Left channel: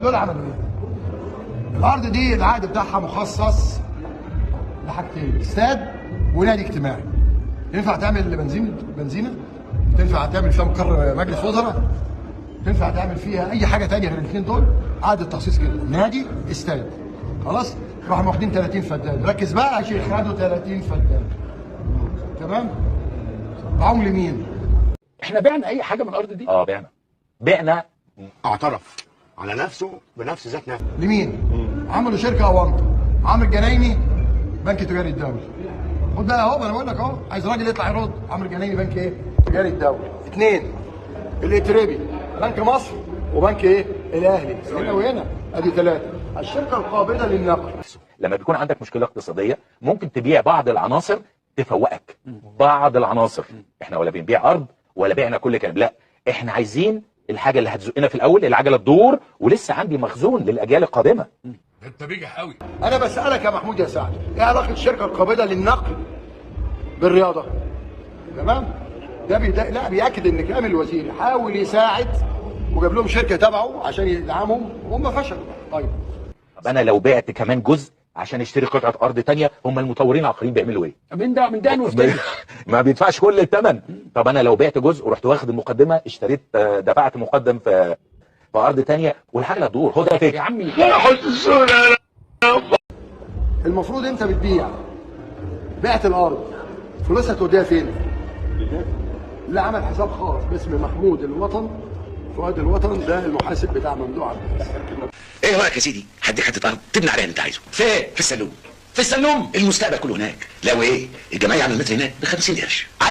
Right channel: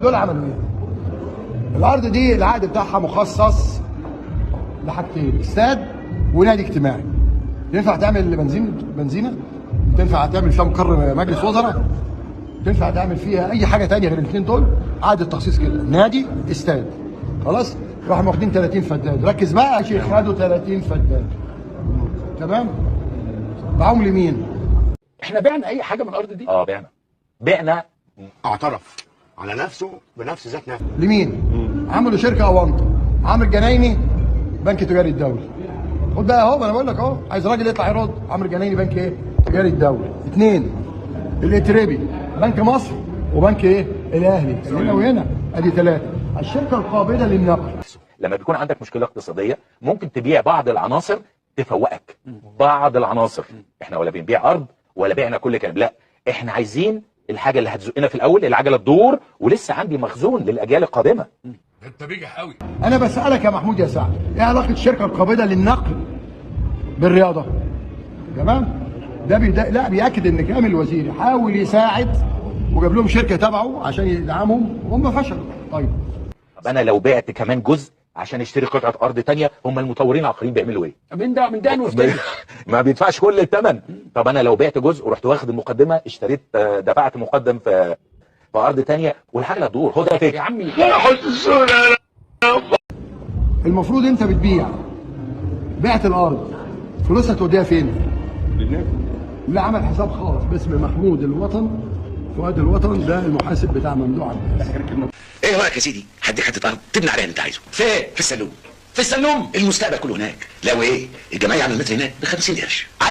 دول عملوا ايه؟ الارض دي العقد بتاعها مخصص لحاجتين، استاد ونادي اجتماعي. ينفع تعمل بنزينه؟ تنفع تعمل فيها مقر مجلس وزراء؟ تنفع تعمل فيها اي حاجه ثانيه غير الاثنين دول؟ عقد التخصيص كده، نادي استاد. خلاص؟ راحوا واخدين 30 فدان، ركز بقى يا شيخ، خدوا 30 فدان. تمام؟ باعوهم لمين؟ احنا بعنا اي حاجه من الارض دي؟ بعنا. اعترف على نفسه بنفس ذات نفسه. لمين؟ عملوا شركه اونطه، عمرو الجنايني بنك تجاري الدولي. خد بقى اهو، انا بقول لك اهو، عايز راجل يطلع يرد. عمرو الجنايني بنك ايه؟ تجاري الدولي. اثنين الاتربي بنك مصر وبنك ايه؟ الاهلي. هنا وهنا ادي ثلاثه. الشركه القابضه للنقد. لما بيكون عندك مشكله اقتصاديه ممكن تبيع بعض العناصر تفوقك. بعض العناصر. احنا ولا بنبيع ارض ولا بعنا كل كلام، لا، احنا عايزين الحاجه اللي هتزقنا في الاول، العجله تدور ولسه عندي مخزون للاجيال القادمه. انت بيجح قوي. انا بسالك يا محمود يا سعد، ايه علاقه الشركه القابضه للنقد بالرياضه؟ تمام؟ ده لا بياكد ان كامل الوزير حاول يساعد وجاب لهم شركه تبعه عشان يدعمهم، هم فشلوا. طيب طب انا لو بعت كمان جزء عشان اشتري قطعه ارض تانية، هم المطورين العقاريين بيعملوا ايه؟ من ده واشتري. ما بيدفعش كل الثمن. طب انا لو بعت جزء ورحت واخد المقدمه، اشتريت دفعت مقدم في ارض تانية والحاجه تدور. خد يا فكر يا عمي المفروض انت بتبيع، بعت الارض، فلوسها توديها فين؟ لا، عمل حساب خاص باسم محمود الوطن، فؤاد الوطن، ده المحاسب بتاع ممدوح. ايه رايك يا سيدي؟ هديك حته ارض تبني عليها اللي انت عايزه. فين؟ في السلوم. في السلوم. المستقبل كله هناك. لو ايه الجمعيه عامله المتر هناك ب 50 قرش.